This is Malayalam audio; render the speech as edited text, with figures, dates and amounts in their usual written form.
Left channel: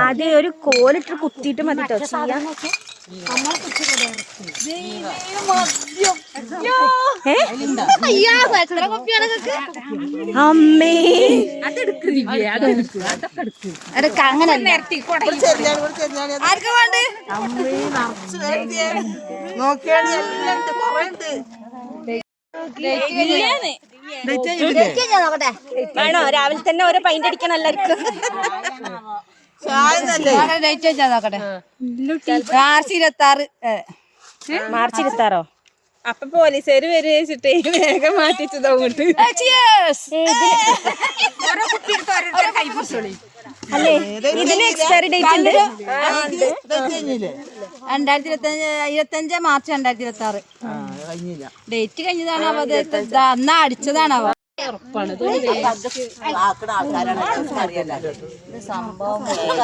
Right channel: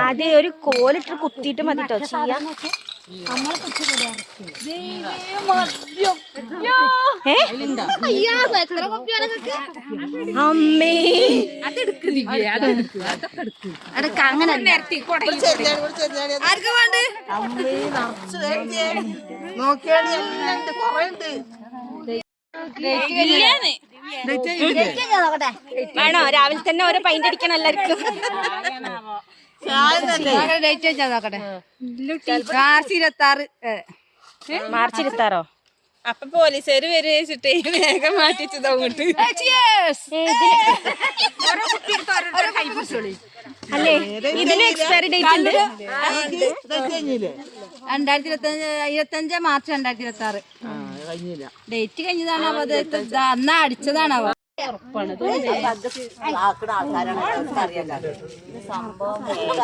ആദ്യം ഒരു കോലിട്ട് കുത്തിയിട്ട് മതി കേട്ടോ ചെയ്യാൻ. അമ്മേ അങ്ങനെ വേണോ? രാവിലെ തന്നെ ഓരോ പൈൻ്റ് അടിക്കണം എല്ലാവർക്കും. മാർച്ച് 26 അപ്പൊ പോലീസുകാര് വരിച്ചിട്ടേ വേഗം മാറ്റിച്ചത് അങ്ങോട്ട്. അല്ലേ ഇതിന് എക്സ്പയറി ഡേറ്റ് ഉണ്ട്. 2025 മാർച്ച് 2026 ഡേറ്റ് കഴിഞ്ഞതാണ്. അത് അന്നാ അടിച്ചതാണാവോ.